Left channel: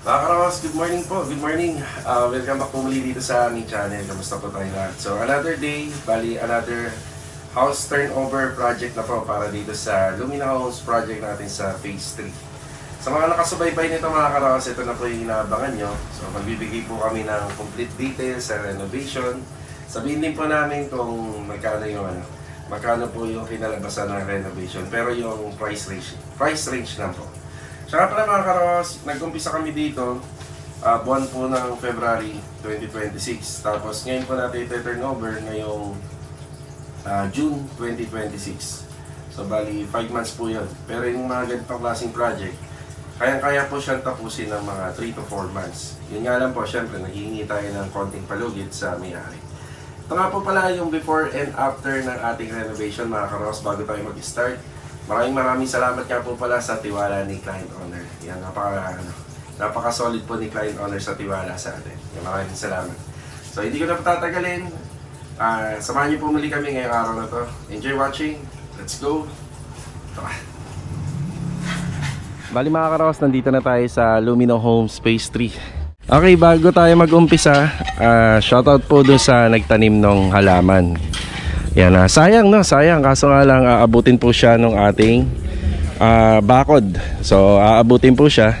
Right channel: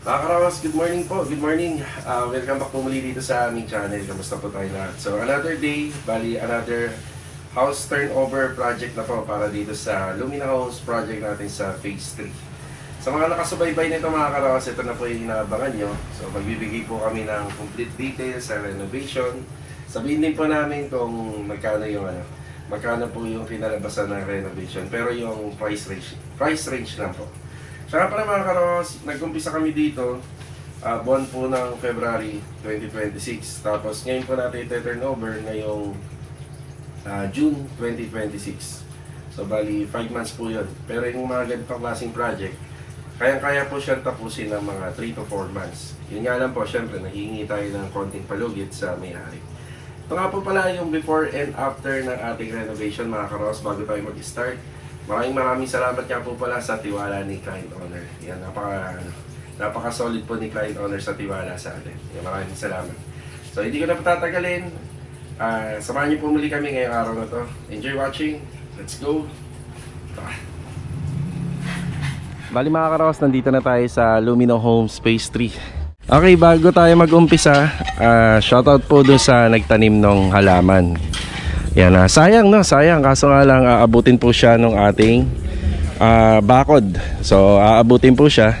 Mga Karawas, good morning po. Good morning. Welcome back po muli dito sa aming channel. Kamusta po tayo lahat? So, another day, bali another house turnover project na po para dito sa Lumina Homes project natin sa Phase 3. Sa mga nakasubaybay nito mga Karawas, ito na po yung inaabangan nyo. So, magbibigay po kami ng complete details sa renovation. Sabihin din po namin kung magkano po yung kinalabasan ng renovation. Pero yung price range lang po. Saka pala mga Karos, nag-umpisa kami dito buwan po ng February 2026. Tapos ngayon po natin i-turn over ngayong June 2026. So bali 5 months po yun. Pero yung mga ganitong klaseng project, kayang-kaya po siyang tapusin ng mga 3 to 4 months. Yun nga lang po, syempre naghihingi tayo ng konting palugit sa may-ari. Ito nga po pala yung before and after ng ating renovation mga Karos bago tayo mag-start. Maraming salamat nga po pala sa tiwala ni client owner. Yan, napaka-solid po ni client owner sa tiwala sa atin. Yan, maraming salamat. So, hindi ko na patatagalin. Samahan niyo po muli kami ngayong araw na to. Enjoy watching. Let's go. Tara. Bali mga Karawas, nandito na tayo sa Lumina Homes Phase 3. Okay, bago tayo mag-umpisa, shoutout po dun sa nagtanim ng halaman. Yan, sayang kaso nga lang aabutin po siya ng ating bakod. So aabutin po siya.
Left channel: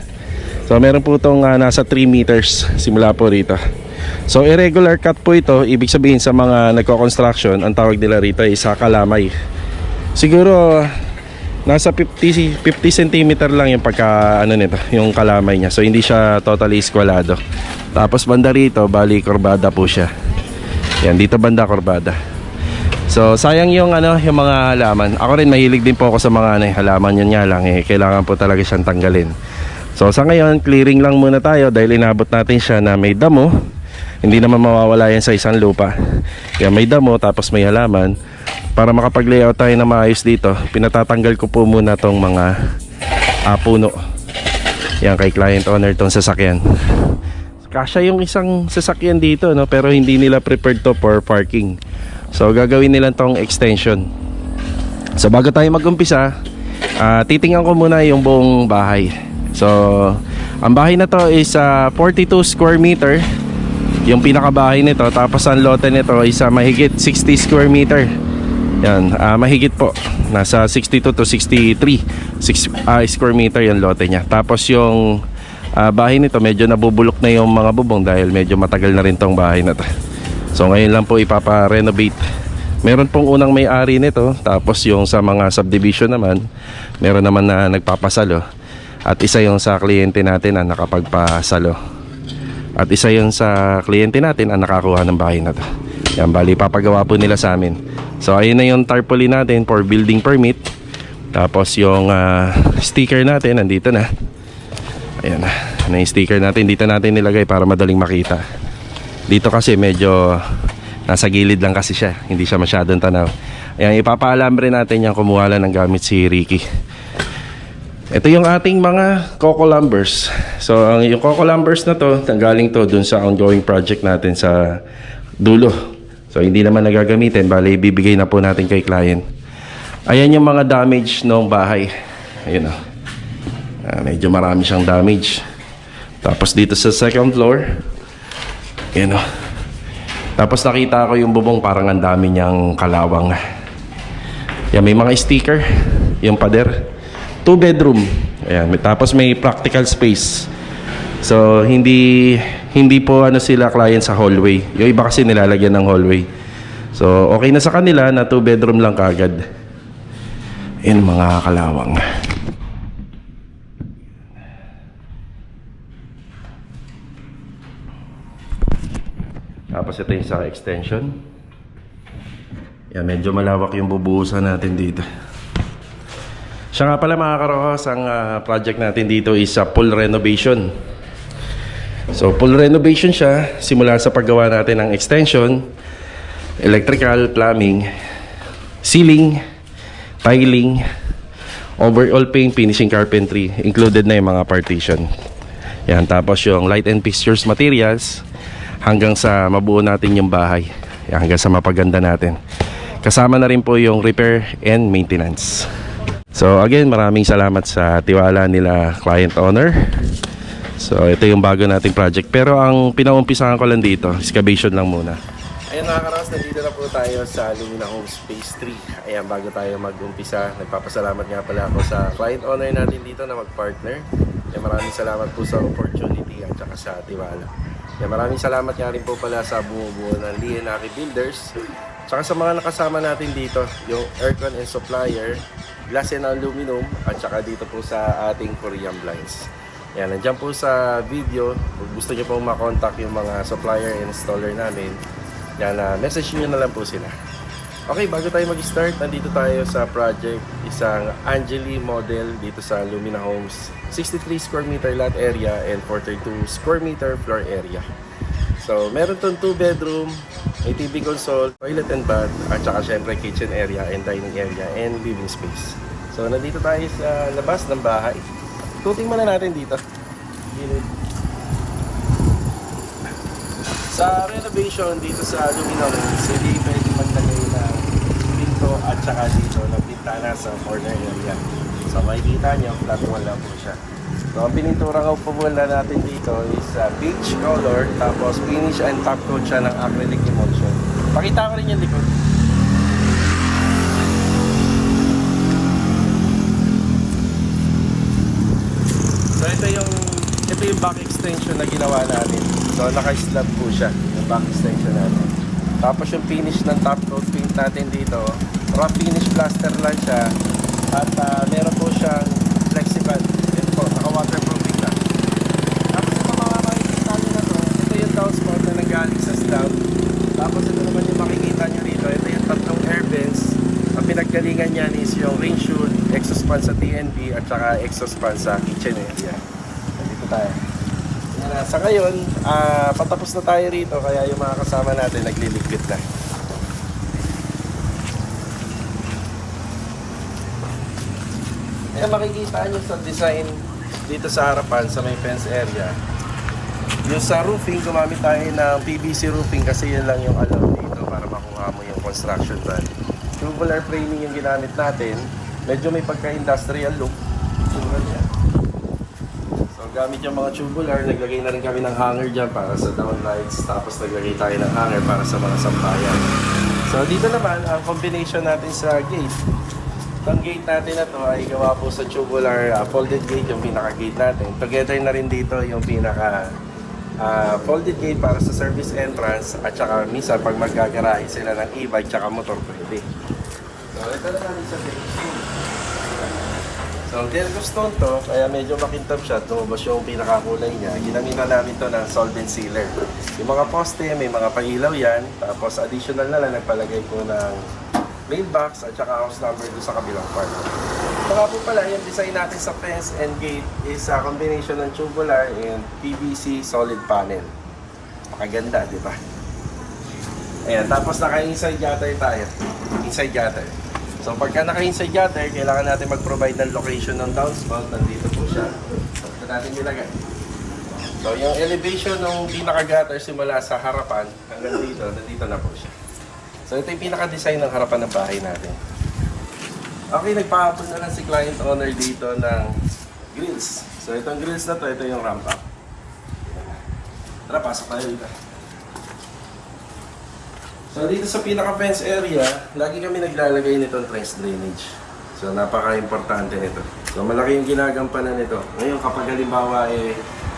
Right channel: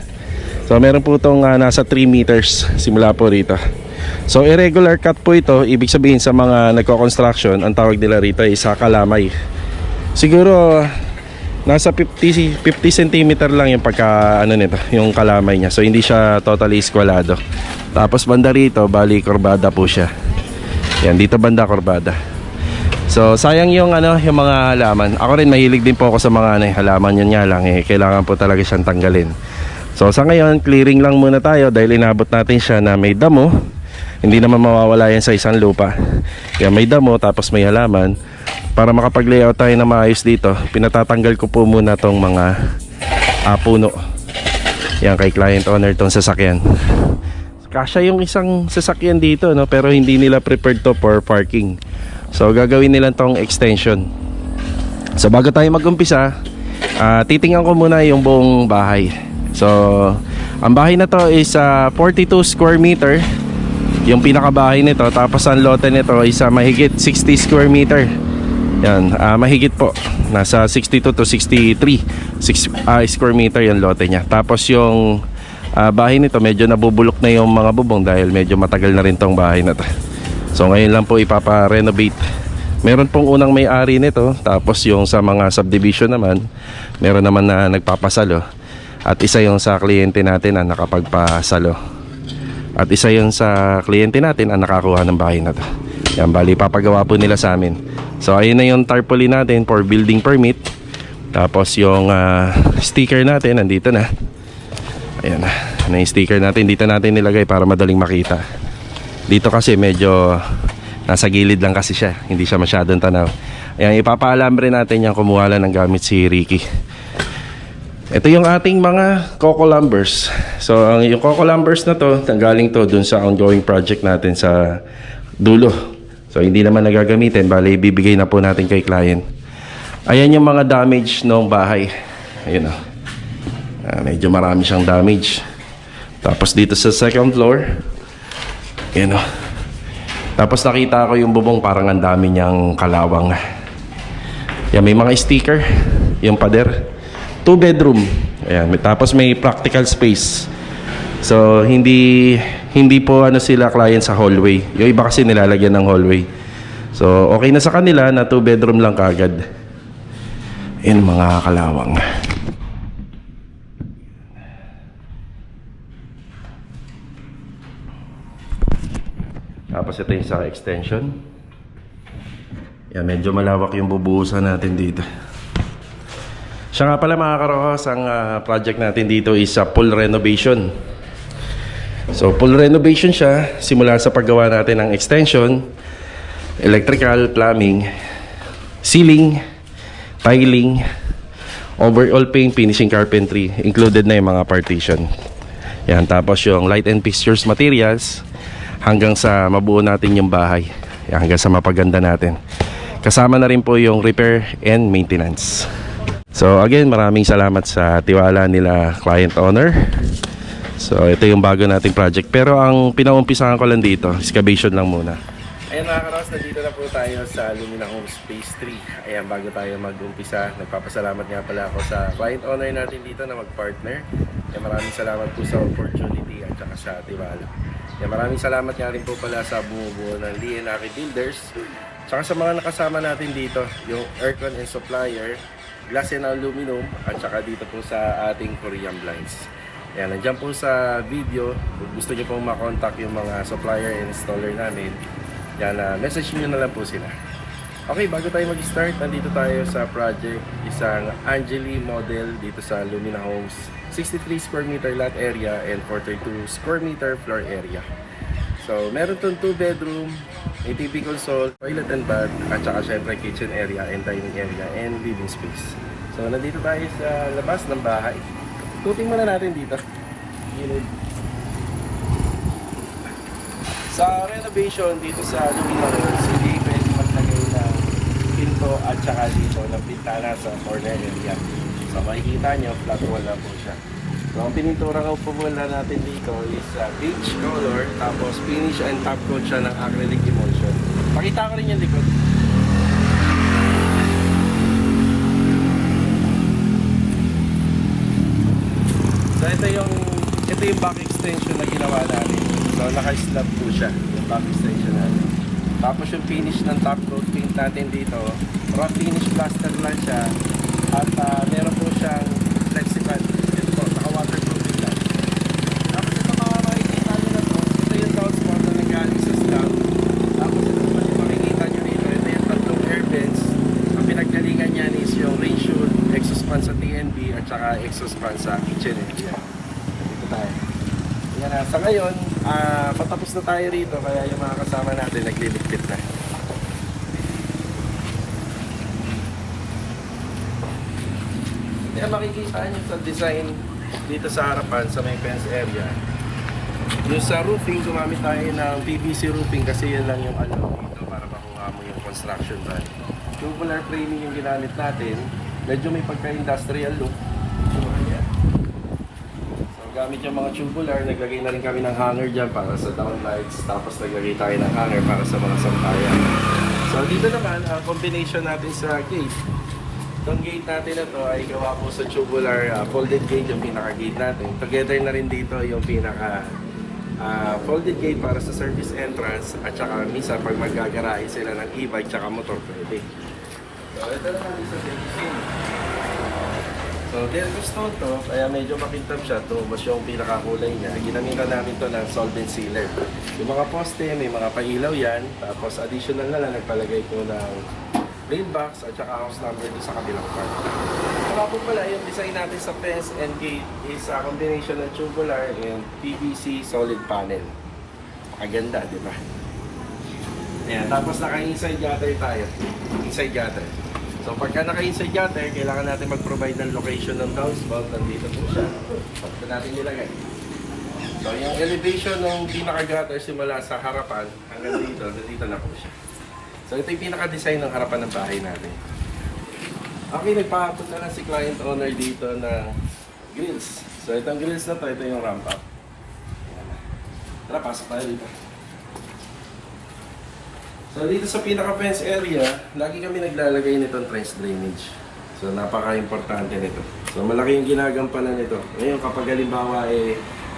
So meron po itong nasa 3 meters simula po rito. So irregular cut po ito. Ibig sabihin sa mga nagko-construction, ang tawag nila rito ay sakalamay. Siguro nasa 50 cm lang yung pagka nito, yung kalamay niya. So hindi siya totally squalado. Tapos banda rito, bali korbada po siya. Yan, dito banda korbada. So sayang yung yung mga halaman. Ako rin mahilig din po ako sa mga halaman, yun nga lang kailangan po talaga siyang tanggalin. So sa ngayon, clearing lang muna tayo dahil inabot natin siya na may damo. Hindi naman mawawala yan sa isang lupa. Kaya may damo tapos may halaman. Para makapag-layout tayo na maayos dito, pinatatanggal ko po muna tong mga puno. Yan kay client owner tong sasakyan. Kasya yung isang sasakyan dito, no? Pero hindi nila prepared to for parking. So gagawin nila tong extension. So bago tayo mag-umpisa, titingnan ko muna yung buong bahay. So ang bahay na to is 42 square meter, yung pinakabahay nito. Tapos ang lote nito is mahigit 60 square meter. Yan, mahigit po. Nasa 62 to 63 square meter yung lote niya. Tapos yung bahay nito medyo nabubulok na yung mga bubong dahil medyo matagal na rin tong bahay na to. So ngayon lang po ipapa-renovate. Meron pong unang may-ari nito. Tapos yung sa mga subdivision naman, meron naman na nagpapasalo. At isa yung sa kliyente natin na nakapagpasalo. At isa yung sa kliyente natin ang nakakuha ng bahay na to. Yan, bali papagawa po nila sa amin. So ayun na yung tarpaulin natin for building permit. Tapos yung sticker natin nandito na. Ayan na yung sticker natin. Dito natin nilagay para madaling makita. Dito kasi medyo nasa gilid lang kasi siya, hindi siya masyadong tanaw. Ayan, ipapaalam rin natin yung kumuha lang ng gamit si Ricky. Ito yung ating mga coco lumbers. So yung coco lumbers na to, galing to dun sa ongoing project natin sa dulo. So hindi naman nagagamitin, bali bibigay na po natin kay client. Ayan yung mga damage ng bahay. Ayun o, medyo marami siyang damage. Tapos dito sa second floor, yan o. Tapos nakita ko yung bubong, parang ang dami niyang kalawang. Yan, may mga sticker. Yung pader 2 bedroom. Ayan, tapos may practical space. So hindi po sila client sa hallway. Yung iba kasi nilalagyan ng hallway. So okay na sa kanila na 2 bedroom lang kagad. Yan mga kalawang. Tapos ito yung sa extension. Yan, medyo malawak yung bubuhusan natin dito. Siya nga pala mga Karohas, ang project natin dito is full renovation. So full renovation siya, simula sa paggawa natin ng extension, electrical, plumbing, ceiling, tiling, overall paint, finishing carpentry, included na yung mga partition. Yan, tapos yung light and fixtures materials, hanggang sa mabuo natin yung bahay. Yan, hanggang sa mapaganda natin. Kasama na rin po yung repair and maintenance. So again, maraming salamat sa tiwala nila client owner So ito yung bago nating project. Pero ang pinaumpisahan ko lang dito, excavation lang muna. Ayan mga karos, nandito na po tayo sa Lumina Homes Phase 3. Ayan, bago tayo mag-umpisa, nagpapasalamat nga pala ako sa client owner natin dito na mag-partner. Ayan, maraming salamat po sa opportunity at saka sa tiwala. Ayan, maraming salamat nga rin po pala sa bumubuo ng Lienaki Builders. Tsaka sa mga nakasama natin dito, yung aircon and supplier, glass and aluminum, at saka dito po sa ating Korean blinds. Ayan, nandiyan po sa video, kung gusto nyo pong makontak yung mga supplier and installer namin, yan, message nyo na lang po sila. Okay, bago tayo mag-start, nandito tayo sa project, isang Angeli model dito sa Lumina Homes. 63 square meter lot area and 42 square meter floor area. So, meron itong 2 bedroom, may TV console, toilet and bath, at saka syempre kitchen area and dining area and living space. So, nandito tayo sa labas ng bahay. Tuting muna natin dito. Gilid. Sa renovation dito sa Lumina Homes, hindi pwede maglagay ng pinto at saka dito ng pintana sa corner area. So makikita nyo, flat wall lang po siya. So ang pinintura ko po muna natin dito is beige color, tapos finish and top coat siya ng acrylic emulsion. Pakita ko rin yung likod. So ito yung back extension na ginawa natin. So naka-slab po siya, yung back extension natin. Tapos yung finish ng top coat paint natin dito, rough finish plaster lang siya. At meron po siyang flexible. Yan po, naka-waterproofing lang. Tapos ito mga makikita nyo na to, ito yung downspout na nagaling sa slab. Tapos ito naman yung makikita nyo dito, ito yung tatlong air vents. Ang pinaggalingan yan is yung rain chute, exhaust fan sa TNB, at saka exhaust fan sa kitchen area. Dito tayo. Sa ngayon, patapos na tayo rito, kaya yung mga kasama natin nagliligpit na. Makikita nyo sa design dito sa harapan sa may fence area. Yung sa roofing, gumamit tayo ng PVC roofing kasi yun lang yung alam dito para makuha mo yung construction brand. Tubular framing yung ginamit natin. Medyo may pagka-industrial look. So gamit yung mga tubular, naglagay na rin kami ng hanger dyan para sa downlights. Tapos naglagay tayo ng hanger para sa mga sampayan. So dito naman, ang combination natin sa gate. Itong gate natin na to ay gawa po sa tubular folded gate, yung pinaka-gate natin. Together na rin dito yung pinaka folded gate para sa service entrance at saka minsan pag maggagarahe sila ng e-bike tsaka motor pwede. So ito na namin sa stone. So Delco stone to, kaya medyo makintab siya. Tubos yung pinakakulay niya. Ginamitan namin to ng solvent sealer. Yung mga poste, may mga pahilaw yan. Tapos additional na lang, nagpalagay po ng mailbox at saka house number doon sa kabilang part. Saka po pala, yung design natin sa fence and gate is a combination ng tubular and PVC solid panel. Makaganda, di ba? Ayan, tapos naka-inside gutter tayo. Inside gutter. So pagka naka-inside gutter, kailangan natin mag-provide ng location ng downspout. Nandito po siya. Ito natin nilagay. So yung elevation ng pinaka-gutter simula sa harapan hanggang dito, nandito na po siya. So ito yung pinaka-design ng harapan ng bahay natin. Okay, nagpahapon na lang si client owner dito ng grills. So itong grills na to, ito yung ramp up. Tara, pasok tayo dito. So dito sa pinaka-fence area, lagi kami naglalagay nitong trench drainage. So napaka-importante nito. So malaki yung ginagampanan nito. Ngayon kapag halimbawa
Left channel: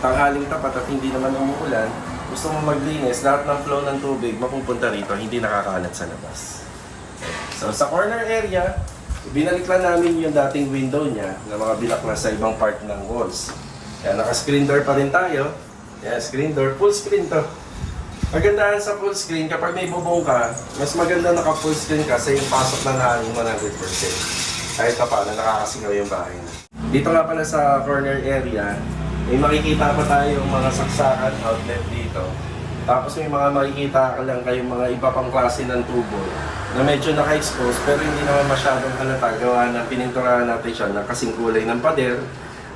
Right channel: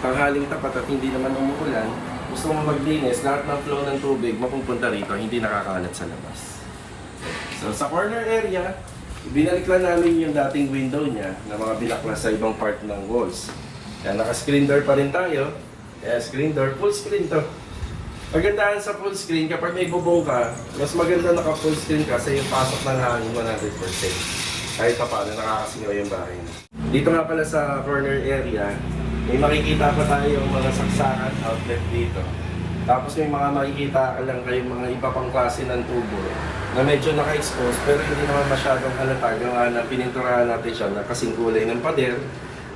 tanghaling tapat at hindi naman umuulan, gusto mo maglinis, lahat ng flow ng tubig mapupunta rito, hindi nakakalat sa labas. So sa corner area, binalik lang namin yung dating window niya na mga binaklas sa ibang part ng walls. Kaya naka-screen door pa rin tayo. Kaya screen door, full screen to. Magandahan sa full screen, kapag may bubong ka, mas maganda naka-full screen ka sa yung pasok ng hangin 100%. Kahit pa paano nakakasingaw yung bahay. Dito nga pala sa corner area, may makikita pa tayong mga saksakan outlet dito. Tapos may mga makikita ka lang kayong mga iba pang klase ng tubo na medyo naka-expose pero hindi naman masyadong halata. Gawa na pininturahan natin siya na kasing kulay ng pader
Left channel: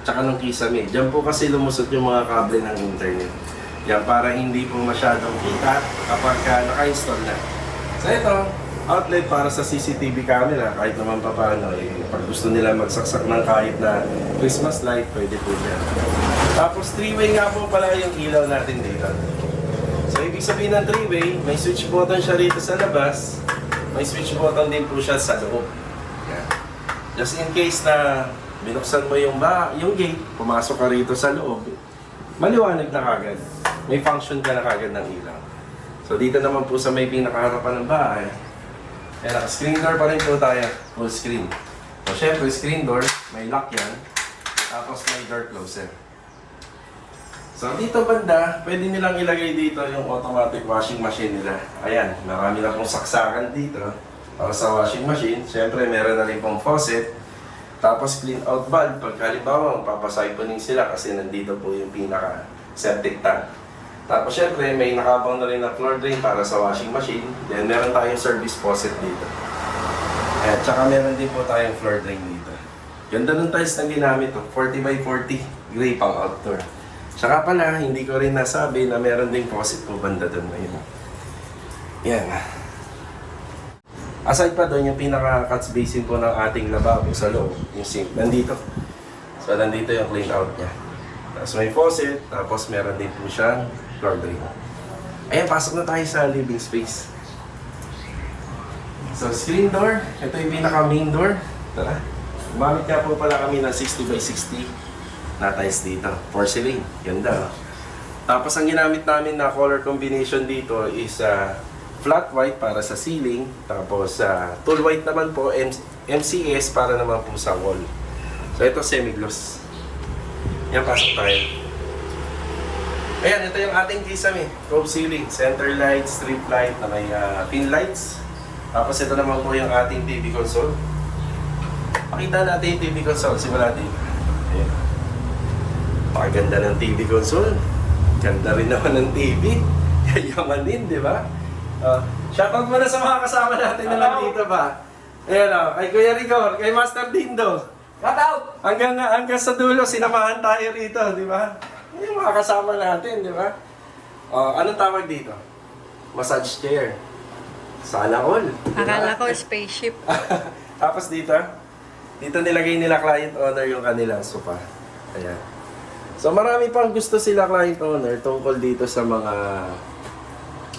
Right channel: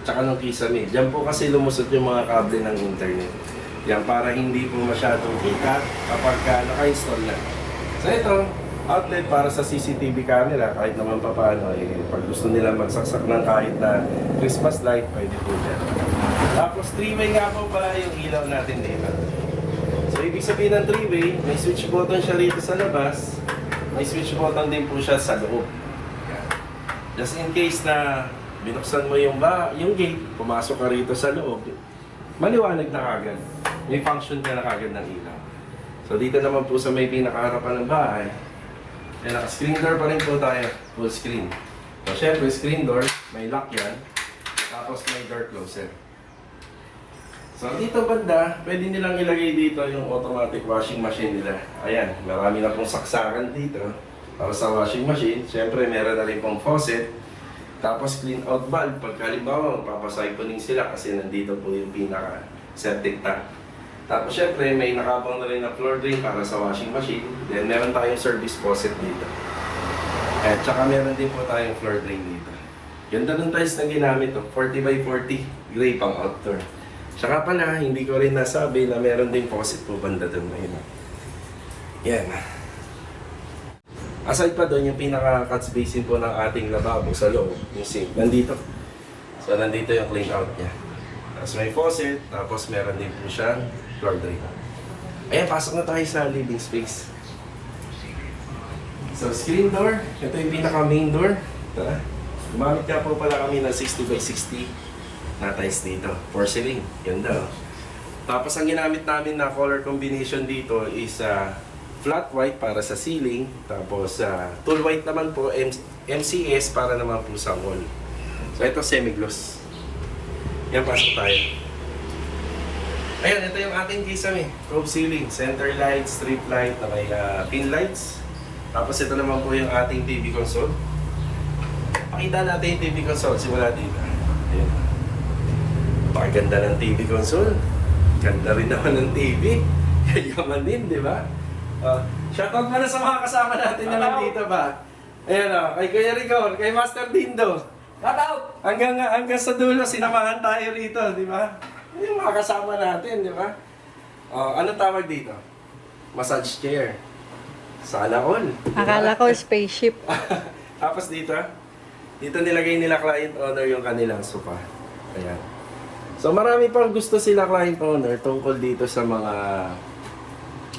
tsaka ng kisame. Diyan po kasi lumusot yung mga kable ng internet. Yan para hindi po masyadong kita kapag naka-install na. So ito, outlet para sa CCTV camera kahit naman paano. Pag gusto nila magsaksak ng kahit na Christmas light, pwede po dyan. Tapos 3-way nga po pala yung ilaw natin dito. So ibig sabihin ng 3-way, may switch button siya rito sa labas, may switch button din po siya sa loob. Yan. Just in case na binuksan mo yung gate, pumasok ka rito sa loob, maliwanag na kagad. May function ka na kagad ng ilaw. So dito naman po sa may pinakaharapan ng bahay, naka-screen door pa rin po tayo, full screen. So syempre screen door, may lock yan, tapos may door closer. So dito banda, pwede nilang ilagay dito yung automatic washing machine nila. Ayan, marami na pong saksakan dito para sa washing machine. Siyempre meron na rin pong faucet. Tapos clean out valve, pag halimbawa magpapasiphoning sila kasi nandito po yung pinaka septic tank. Tapos syempre may nakabang na rin na floor drain para sa washing machine. Then meron tayong service faucet dito. At saka meron din po tayong floor drain dito. Ganda ng tiles na ginamit to, 40 by 40, gray pang outdoor. Tsaka pala, hindi ko rin nasabi na meron ding faucet po banda doon. Ayun. Yan. Aside pa doon, yung pinaka-catch basin po ng ating lababo sa loob, yung sink, nandito. So, nandito yung clean out niya. Tapos may faucet, tapos meron din po siyang floor drain. Ayan, pasok na tayo sa living space. So, screen door. Ito yung pinaka-main door. Tara. Gumamit nga po pala kami ng 60 by 60 na tiles dito. Porcelain. Ganda. Oh. Tapos ang ginamit namin na color combination dito is flat white para sa ceiling. Tapos tool white naman po, MCS para naman po sa wall. So ito semi-gloss. Yan, pasok tayo. Ayan, ito yung ating kisame. Cove ceiling, center light, strip light na may pin lights. Tapos ito naman po yung ating TV console. Pakita natin yung TV console. Simula dito. Ayan. Pakaganda ng TV console. Ganda rin naman ng TV. Yaman din, di ba? Shoutout mo na sa mga kasama natin na nandito ba? Ayan o, kay Kuya Rigor, kay Master Dindo. Shout out! Hanggang sa dulo, sinamahan tayo rito, di ba? Yung mga kasama natin, di ba? Anong tawag dito? Massage chair. Sana all. Diba? Akala ko spaceship. Tapos dito nilagay nila client owner yung kanilang sofa. Ayan. So marami pang gusto sila client owner tungkol dito sa mga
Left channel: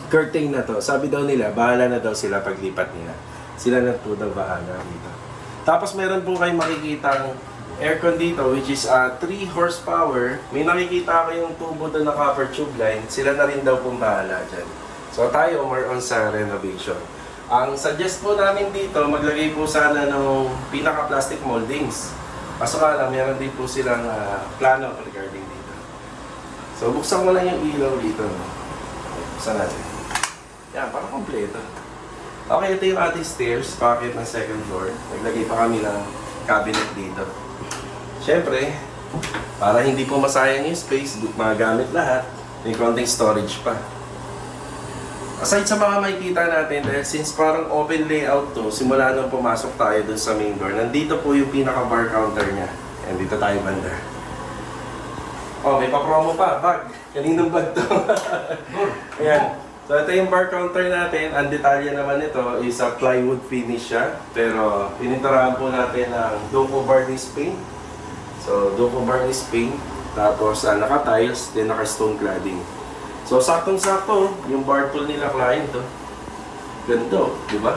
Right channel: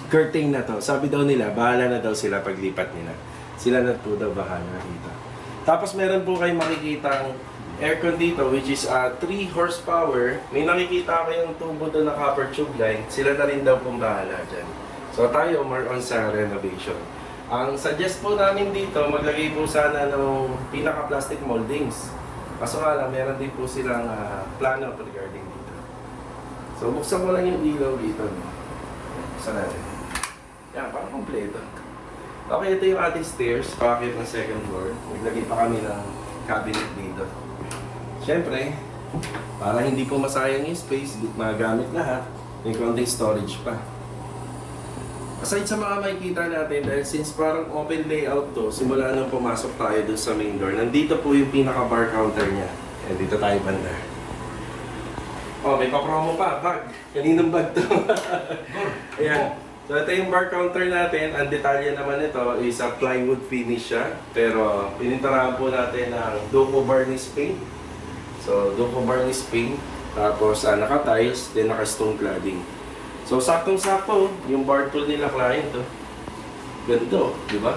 curtain na to. Sabi daw nila, bahala na daw sila paglipat nila. Sila na po daw bahala dito. Tapos meron po kayong makikitang aircon dito which is 3 horsepower. May nakikita kayong tubo doon na copper tube line. Sila na rin daw pong bahala dyan. So tayo more on sa renovation. Ang suggest po namin dito, maglagay po sana ng pinaka-plastic moldings. Kaso nga lang, meron din po silang plano regarding dito. So, buksan ko lang yung ilaw dito. No? Okay, buksan natin. Yan, para kompleto. Okay, ito yung ating stairs, pocket ng second floor. Naglagay pa kami ng cabinet dito. Siyempre, para hindi po masayang yung space, magamit lahat, may konting storage pa. Aside sa mga makikita natin, dahil since parang open layout to, simula nung pumasok tayo dun sa main door, nandito po yung pinaka-bar counter niya. Yan, dito tayo banda. Oh, may pa-promo pa, bag. Kaninong bag to? Ayan. So ito yung bar counter natin. Ang detalye naman ito is a plywood finish siya. Pero pininturahan po natin ng Duco varnish paint. So Duco varnish paint. Tapos naka-tiles, then naka-stone cladding. So, saktong-sakto, yung bar tool nila client to. Ganito, di ba?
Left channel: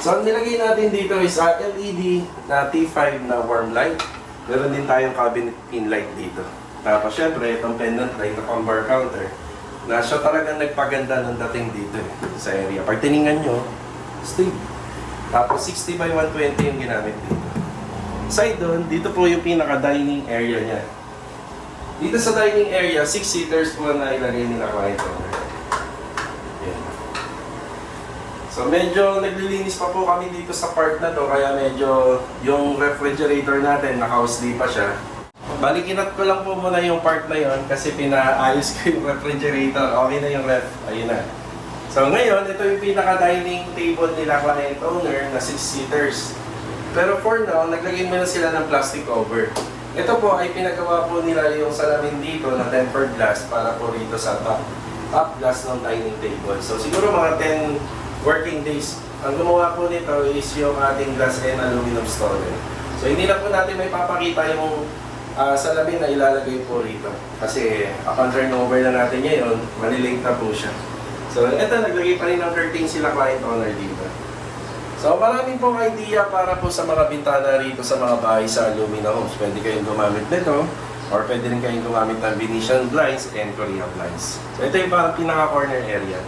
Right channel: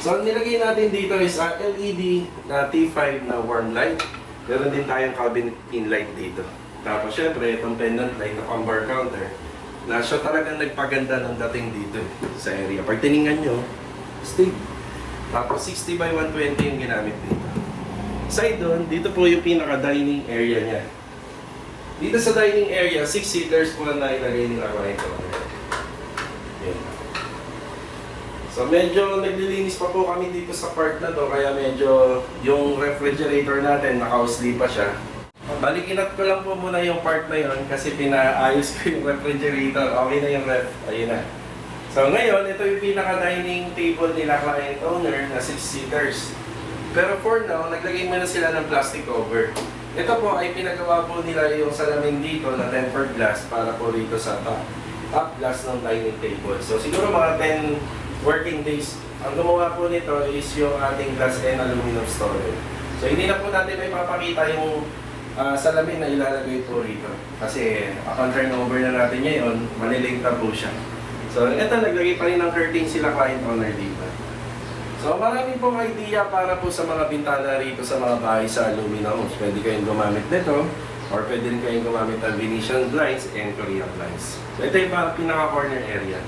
So, ang nilagay natin dito is LED na T5 na warm light. Meron din tayong cabinet pin light dito. Tapos, syempre, itong pendant light na pang bar counter na siya talagang nagpaganda ng dating dito sa area. Pag tiningnan nyo, stable. Tapos, 60 by 120 yung ginamit dito. Aside doon, dito po yung pinaka-dining area niya. Dito sa dining area, 6 seaters po na ilagay nila client owner. Okay. So medyo naglilinis pa po kami dito sa part na to, kaya medyo yung refrigerator natin naka-usli pa siya. Balikinat ko lang po muna yung part na yon kasi pinaayos ko yung refrigerator. Okay na yung ref. Ayun na. So ngayon, ito yung pinaka-dining table nila client owner na 6 seaters. Pero for now, naglagay muna sila ng plastic cover. Ito po ay pinagawa po nila yung salamin dito na tempered glass para po rito sa top glass ng dining table. So siguro mga 10 working days. Ang gumawa po nito is yung ating glass and aluminum storage. So hindi na po natin may papakita yung salamin na ilalagay po rito. Kasi upon turnover na natin ngayon, manilate na po siya. So eto, naglagay pa rin ng curtain sila client owner dito. So marami pong idea para po sa mga bintana rito sa mga bahay sa Lumina Homes. Pwede kayong gumamit nito or pwede rin kayong gumamit ng Venetian blinds and Korean blinds. So ito yung pinaka-corner area.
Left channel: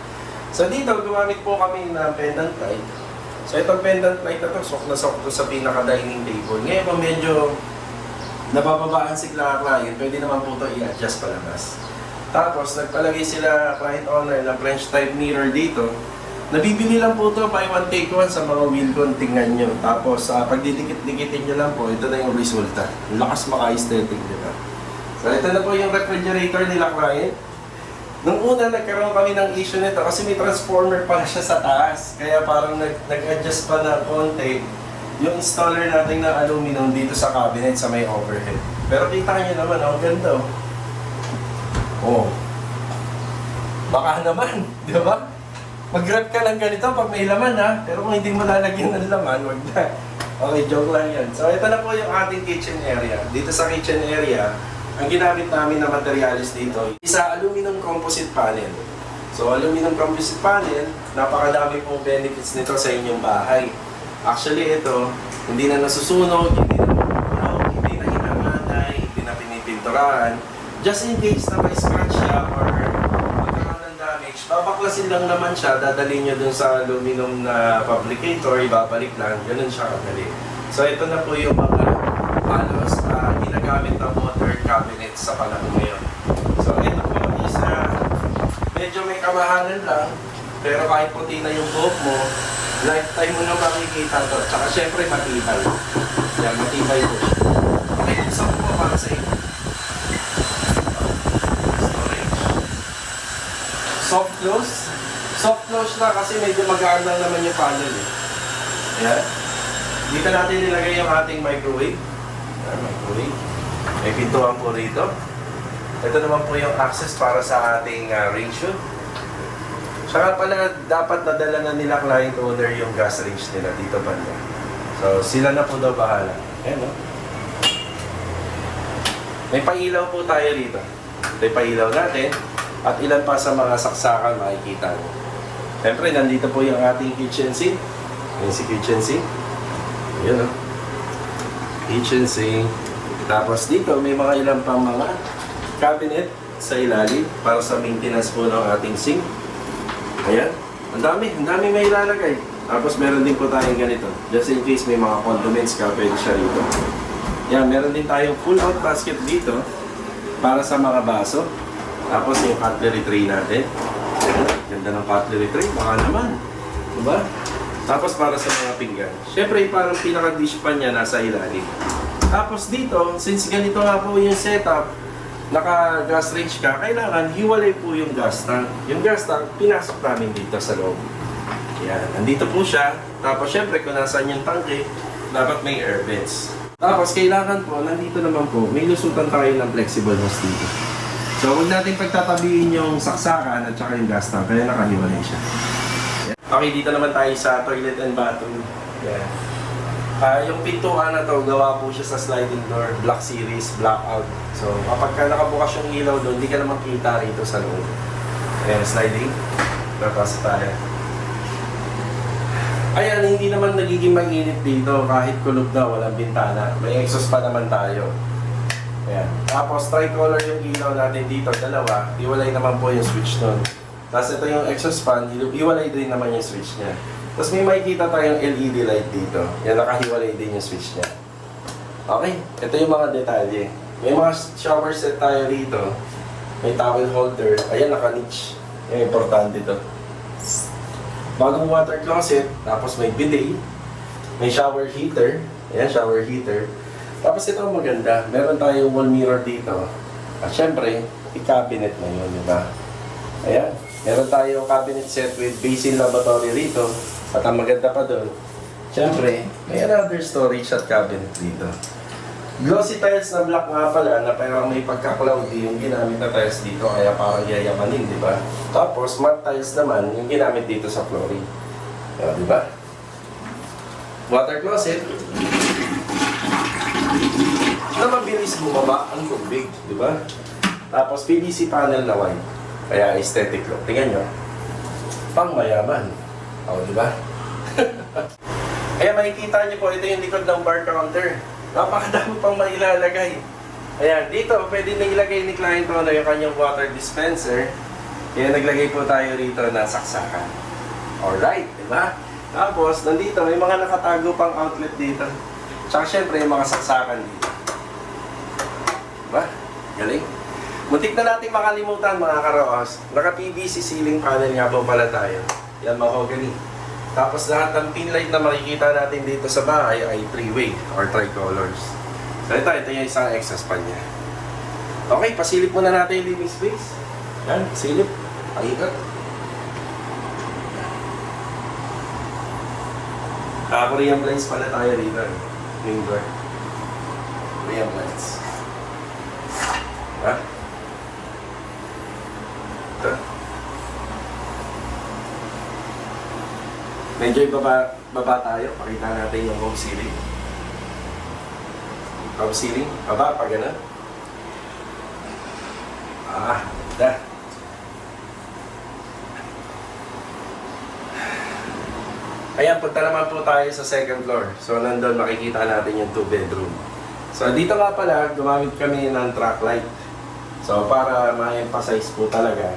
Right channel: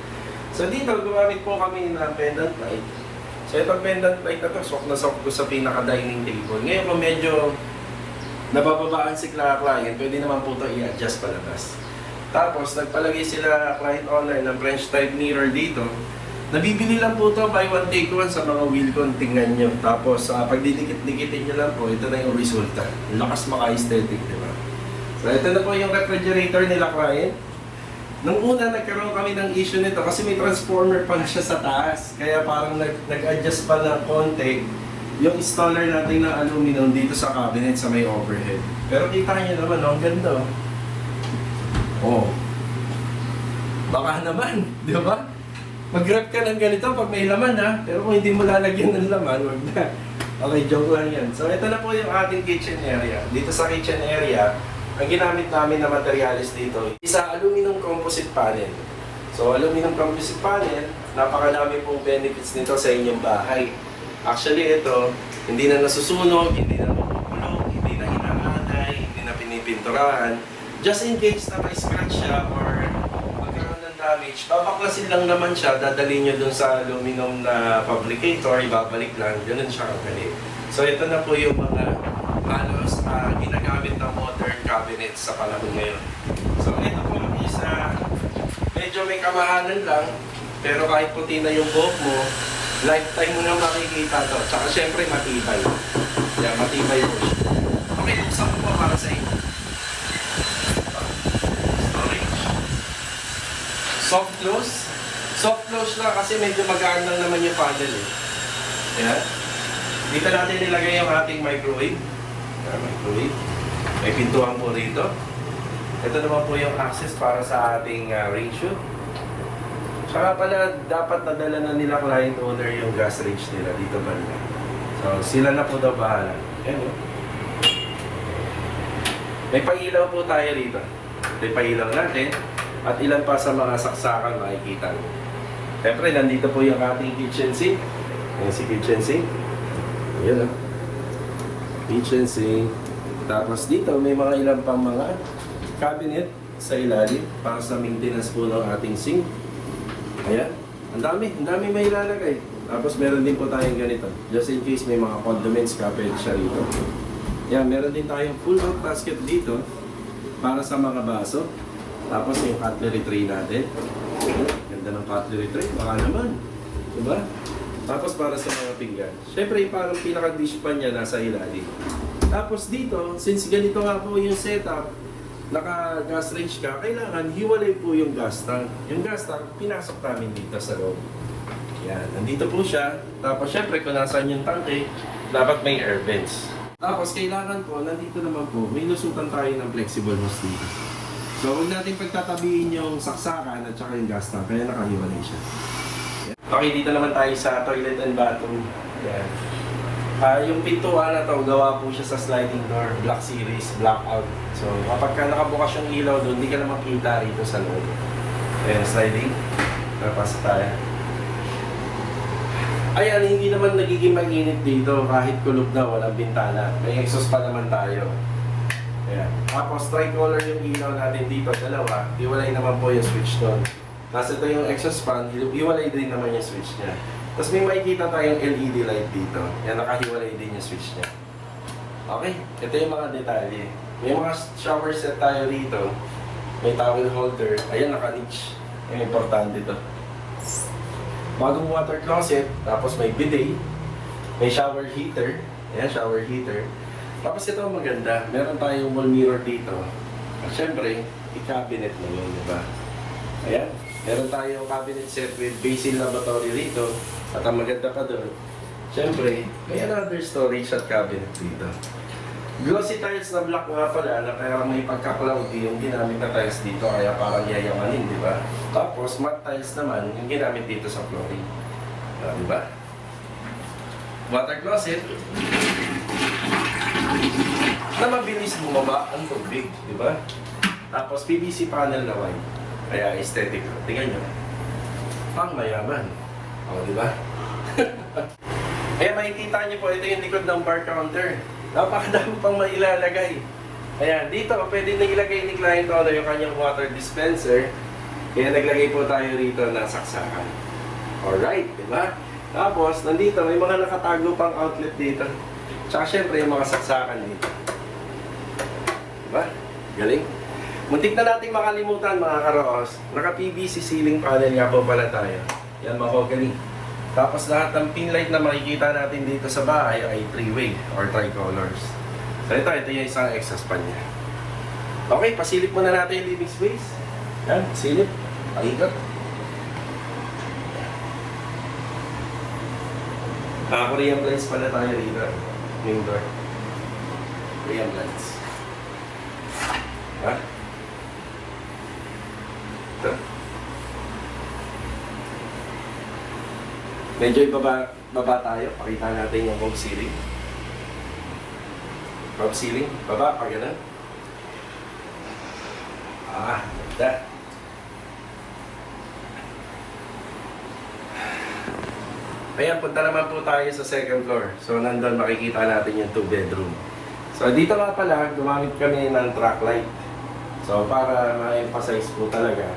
So dito, gumamit po kami ng pendant light. So itong pendant light na to, sok na sok to sa pinaka-dining table. Ngayon kung medyo nabababaan si client, pwede naman po ito i-adjust palabas. Tapos nagpalagay sila client owner ng French type mirror dito. Nabibili lang po ito buy one take one sa mga Wilcon, tingnan nyo. Tapos pag didikit-dikitin nyo lang po, ito na yung resulta. Lakas maka-aesthetic, diba? So ito na po yung refrigerator nila client. Nung una, nagkaroon kami ng issue nito kasi may transformer pa siya sa taas. Kaya parang nag-adjust pa ng konti yung installer natin ng aluminum dito sa cabinet sa may overhead. Pero kita nyo naman, ang ganda. Oh. Baka naman, di ba? Mag-grab ka ng ganito pag may laman ha. Pero kung hindi mo lalagyan ng laman, wag na. Okay, joke lang yan. So ito na po yung ating kitchen area. Dito sa kitchen area, ang ginamit namin na materials dito, isa aluminum composite panel. So aluminum composite panel, napakadami pong benefits nito sa inyong bahay. Actually ito, hindi na nasusunog, hindi na mapupunog, hindi na inaanay, hindi na pinipinturahan. Just in case na may scratch siya or magkaroon ng damage, babaklasin lang naman siya, dadalhin nyo dun sa aluminum na fabricator, ibabalik lang, ganun siya kadali. So ito na po yung mga halos ginagamit ng modern cabinet sa panahon ngayon. So ito po is medyo may kamahalan lang, pero kahit puti na yung buhok mo, lifetime mo na makikita to. Tsaka syempre matibay. Yan, matibay po siya. Okay, buksan ko po para sa inyo. Storage. Soft close. Soft close na kasi medyo magaan lang naman yung panel eh. Yan. Dito natin nilagay yung ating microwave. Yan, microwave. May pintuan po rito. Ito naman po yung access para sa ating ratio. Saka pala, dapat nadala na nila client owner yung gas range nila dito banda. So, sila na po daw bahala. Ayan, oh. May pailaw po tayo dito. Ito yung pailaw natin. At ilan pa sa mga saksakan makikita nyo. Siyempre, nandito po yung ating kitchen sink. Ayan si kitchen sink. Ayan, oh. Kitchen sink. Tapos dito, may mga ilan pang mga cabinet sa ilalim para sa maintenance po ng ating sink. Ayan, ang dami may ilalagay. Tapos meron din po tayong ganito. Just in case may mga condiments ka, pwede siya rito. Yan, meron din tayong pull-out basket dito para sa mga baso. Tapos yung cutlery tray natin. Ayan, ganda ng cutlery tray, baka naman. Diba? Tapos para sa mga pinggan. Siyempre, parang pinaka-dish pan niya nasa ilalim. Tapos dito, since ganito nga po yung setup, naka-gas range ka, kailangan hiwalay po yung gas tank. Yung gas tank, pinasok namin dito sa loob. Yan, nandito po siya. Tapos syempre, kung nasaan yung tanke, dapat may air vents. Tapos kailangan po, nandito naman po, may lusutan tayo ng flexible hose dito. So, huwag natin pagtatabihin yung saksakan at saka yung gas tank, kaya nakahiwalay siya. Okay, dito naman tayo sa toilet and bathroom. Yan. Yung pintuan na to, gawa po siya sa sliding door, Black Series, blackout. So, kapag ka nakabukas yung ilaw doon, hindi ka na makita rito sa loob. Ayan, sliding. Tapos tayo. Ayan, hindi naman nagiging mainit dito kahit kulob na, walang bintana. May exhaust pa naman tayo. Ayan. Tapos, tricolor yung ilaw natin dito, dalawa. Iwalay naman po yung switch doon. Tapos ito yung exhaust fan, iwalay din naman yung switch niya. Tapos may makikita tayong LED light dito. Yan, nakahiwalay din yung switch niya. Okay, ito yung mga detalye. May mga shower set tayo rito. May towel holder. Ayan, naka-niche. Yan, importante ito. Bagong water closet. Tapos may bidet. May shower heater. Ayan, shower heater. Tapos ito ang maganda. Meron tayong wall mirror dito. At syempre, i-cabinet mo yun, diba? Ayan. Meron tayong cabinet set with basin lavatory rito. At ang maganda pa doon, syempre, may another storage at cabinet dito. Glossy tiles na black nga pala, na parang may pagka-cloudy yung ginamit na tiles dito, kaya parang yayamanin, di ba? Tapos, matte tiles naman yung ginamit dito sa flooring. Di ba? Water closet. na mabilis bumaba ang tubig, di ba? Tapos PVC panel na white. Kaya aesthetic look. Tingnan nyo. Pang mayaman. O, di ba? Kaya makikita nyo po, ito yung likod ng bar counter. Napakadami pang mailalagay. Ayan, dito pwede na ilagay ni client owner yung kanyang water dispenser. Kaya naglagay po tayo rito ng saksakan. Alright, di ba? Tapos, nandito, may mga nakatago pang outlet dito. Tsaka syempre, yung mga saksakan dito. Diba? Galing. Muntik na natin makalimutan mga karoos. Naka-PVC ceiling panel nga po pala tayo. Yan, mahogany. Tapos lahat ng pin light na makikita natin dito sa bahay ay 3-way or tricolors. So ito yung isang exhaust fan niya. Okay, pasilip muna natin yung living space. Yan, pasilip. Paikot. Korean blinds pala tayo rito. Main door. Korean blinds. Ha? Ito. Medyo baba tayo. Pakita natin yung home ceiling. Home ceiling. Baba, pa ganun. That. Ayan, punta naman po tayo sa second floor. So, nandun makikita natin yung 2-bedroom. So, dito nga pala, gumamit kami ng track light. So, para ma-emphasize po talaga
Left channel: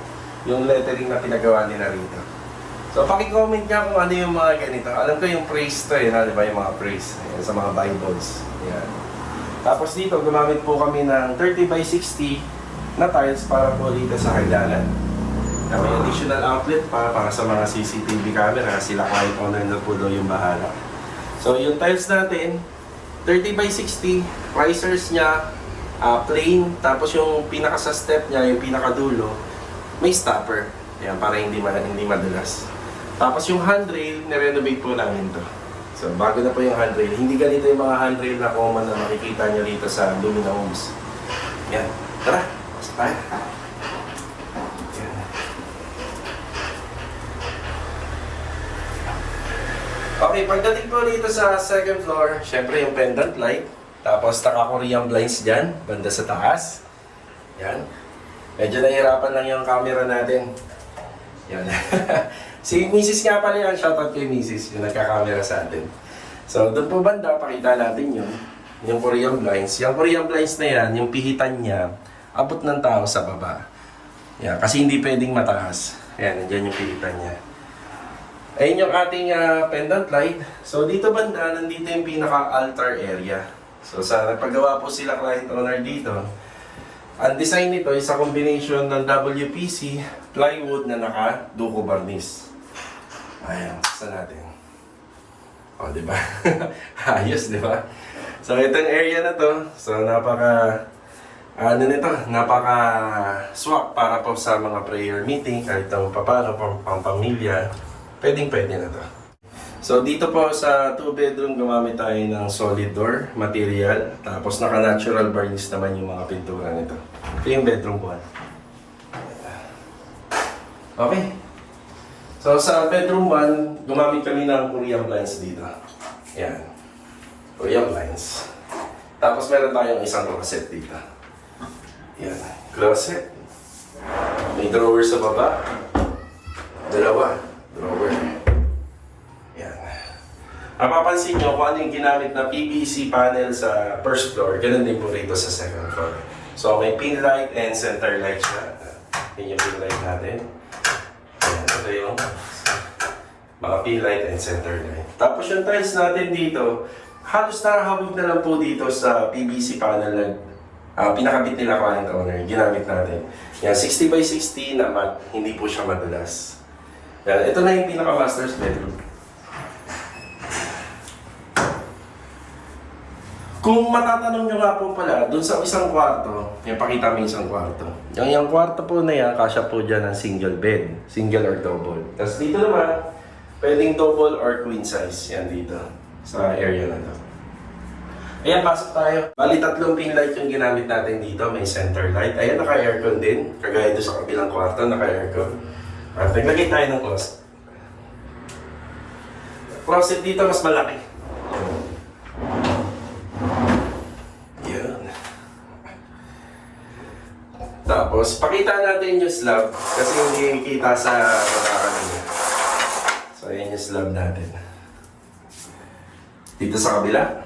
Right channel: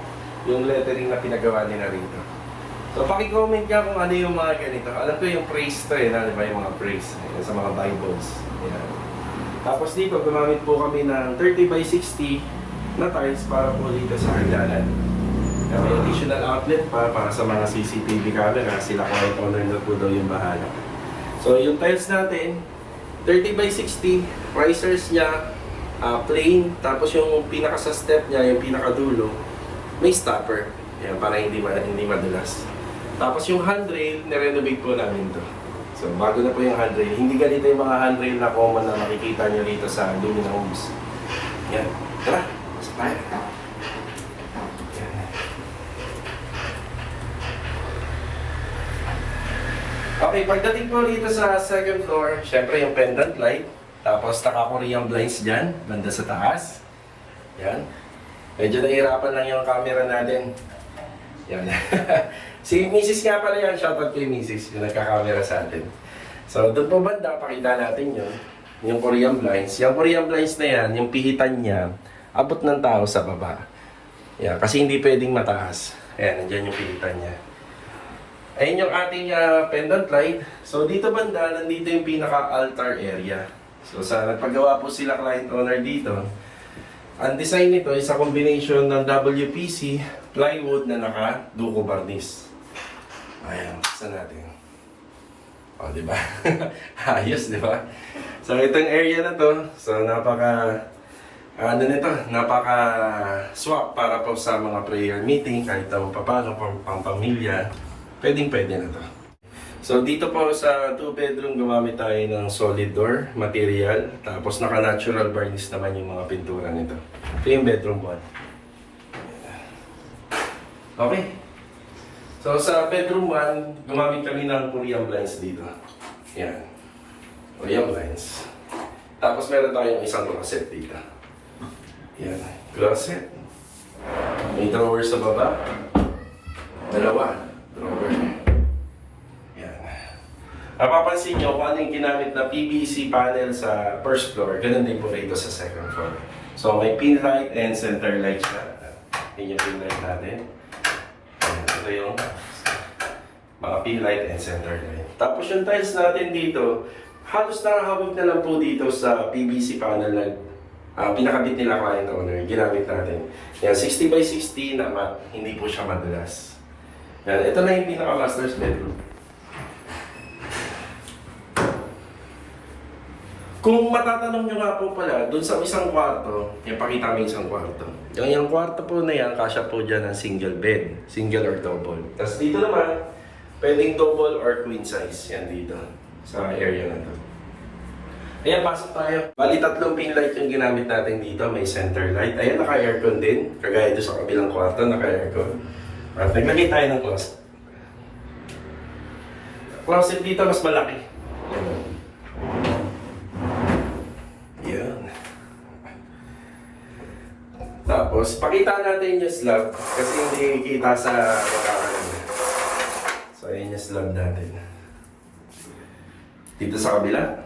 yung lettering na pinagawa nila rito. So, paki-comment nga kung ano yung mga ganito. Alam ko yung praise to eh, di ba? Yung mga praise. Ayan, sa mga Bibles. Ayan. Tapos dito, gumamit po kami ng 30 by 60 na tiles para po dito sa hagdanan. Kami additional outlet para sa mga CCTV camera. Sila client owner na po daw yung bahala. So yung tiles natin, 30 by 60, risers niya, plain. Tapos yung pinaka sa step niya, yung pinakadulo, may stopper. Yan, para hindi madulas. Tapos yung handrail, nirenovate po namin to. So bago na po yung handrail. Hindi ganito yung mga handrail na common na makikita nyo dito sa Lumina Homes. Yan. Tara, pasok tayo. Okay, pagdating po dito sa second floor, syempre yung pendant light. Tapos naka-Korean blinds dyan, banda sa taas. Yan. Medyo nahihirapan lang yung camera natin. Yan. Si Mrs. nga pala yan, shoutout kay Mrs. yung nagka-camera sa atin. So, doon po banda, pakita natin yun. Yung Korean blinds. Yung Korean blinds na yan, yung pihitan niya, abot ng tao sa baba. Yan, kasi hindi pwedeng mataas. Ayan, nandiyan yung pihitan niya. Ayun yung ating pendant light. So dito banda, nandito yung pinaka-altar area. So sa nagpagawa po sila client owner dito, ang design nito is a combination ng WPC, plywood na naka-duco varnish. Ayan, saan natin? O, diba? Ayos, diba? So itong area na to, so napaka-swak para po sa mga prayer meeting, kahit na paano, pang pamilya. Pwedeng-pwede na to. So dito po sa 2-bedroom gumamit tayo ng solid door material. Tapos naka-natural varnish naman yung mga pintura nito. Ito yung bedroom 1. Okay. So sa bedroom 1, gumamit kami ng Korean blinds dito. Yan. Korean blinds. Tapos meron tayong isang closet dito. Yan. Closet. May drawer sa baba. Dalawa. Drawer. Yan. Napapansin nyo kung ano yung ginamit na PVC panel sa first floor, ganun din po rito sa second floor. So may pin light and center light siya. Yun yung pin light natin. Yan. Ito yung mga pin light and center light. Tapos yung tiles natin dito, halos nakahawig na lang po dito sa PVC panel na pinakabit nila client owner. Ginamit natin. Yan, 60 by 60 na matte. Hindi po siya madulas. Yan, ito na yung pinaka-master's bedroom. Kung matatanong nyo nga po pala, dun sa isang kwarto, yung pakita mo yung isang kwarto. Yung kwarto po na yan, kasya po dyan ng single bed. Single or double. Tapos dito naman, pwedeng double or queen size. Yan dito, sa area na to. Ayan, pasok tayo. Bali, 3 pin light yung ginamit natin dito. May center light. Ayan, naka-aircon din. Kagaya doon sa kabilang kwarto, naka-aircon. At naglagay tayo ng closet. Closet dito mas malaki. Tapos, pakita natin yung slab kasi hindi kita sa makakaganda. So, ayan yung slab natin. Dito sa kabila.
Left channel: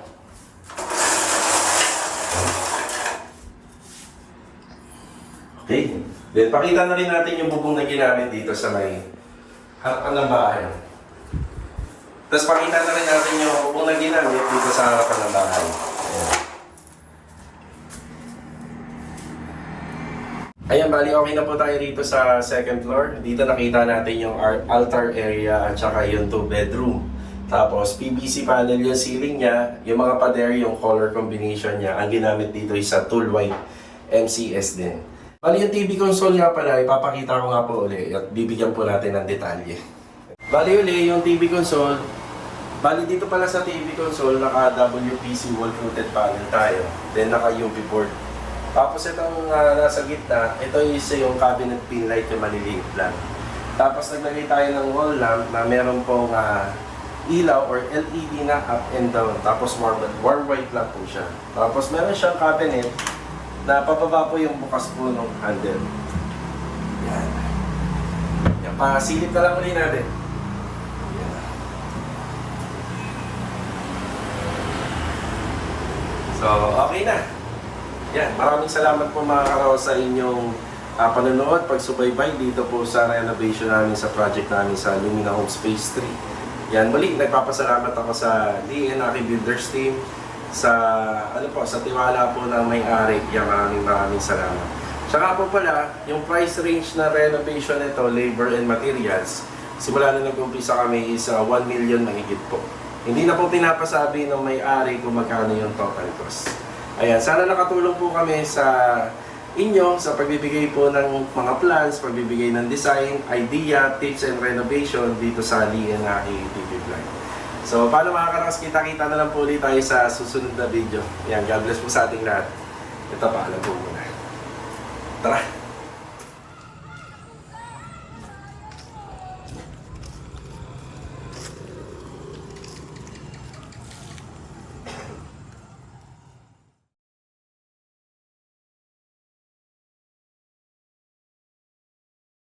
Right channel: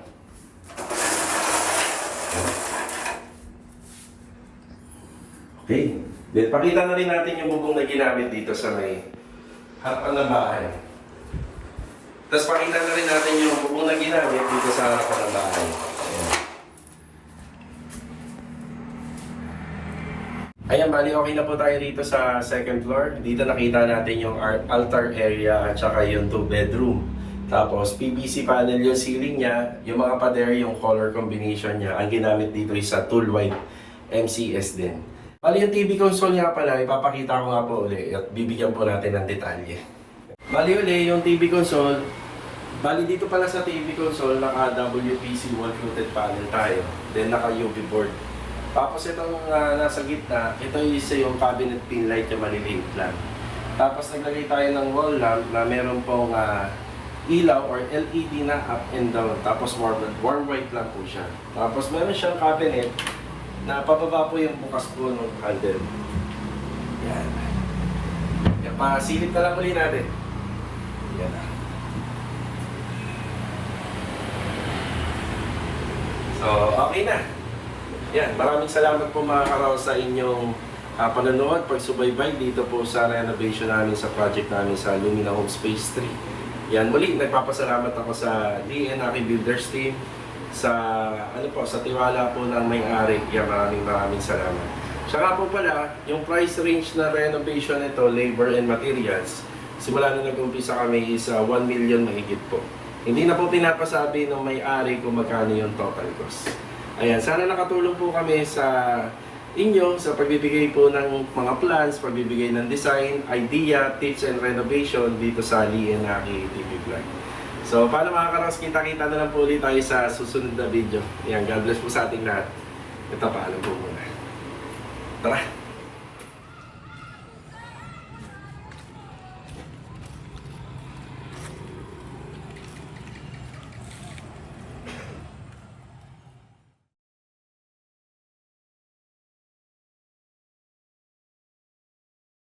Okay. Then, pakita na rin natin yung bubong na ginamit dito sa may harapan ng bahay. Tapos, pakita na rin natin yung bubong na ginamit dito sa harapan ng bahay. Ayan, bali okay na po tayo dito sa second floor. Dito nakita natin yung altar area at saka yung 2-bedroom. Tapos PVC panel yung ceiling niya, yung mga pader, yung color combination niya. Ang ginamit dito is sa tool white MCS din. Bali yung TV console nga pala, ipapakita ko nga po uli at bibigyan po natin ng detalye. Bali uli yung TV console, bali dito pala sa TV console naka WPC wall fluted panel tayo. Then naka UV board. Tapos itong nasa gitna, ito is yung cabinet pin light yung maliliit lang. Tapos naglagay tayo ng wall lamp na meron pong ilaw or LED na up and down. Tapos warm white lang po siya. Tapos meron siyang cabinet na pababa po yung bukas po ng handle. Yan. Yan, pasilip na lang ulit natin. Yan. So, okay na. Yan, maraming salamat po mga karaw sa inyong panonood, pagsubaybay dito po sa renovation namin sa project namin sa Lumina Homes Phase 3. Yan, muli, nagpapasalamat ako sa Lee and Aki Builders team sa sa tiwala po ng may-ari. Yan, maraming salamat. Tsaka po pala, yung price range na renovation nito, labor and materials, simula na nag-umpisa kami is 1 million mahigit po. Hindi na po pinapasabi ng may-ari kung magkano yung total cost. Ayan, sana nakatulong po kami sa inyo sa pagbibigay po ng mga plans, pagbibigay ng design, idea, tips, and renovation dito sa Lee and Aki TV Vlog. So, paano mga karos, kita-kita na lang po ulit tayo sa susunod na video. Ayan, God bless po sa ating lahat. Ito, paalam po muna. Tara!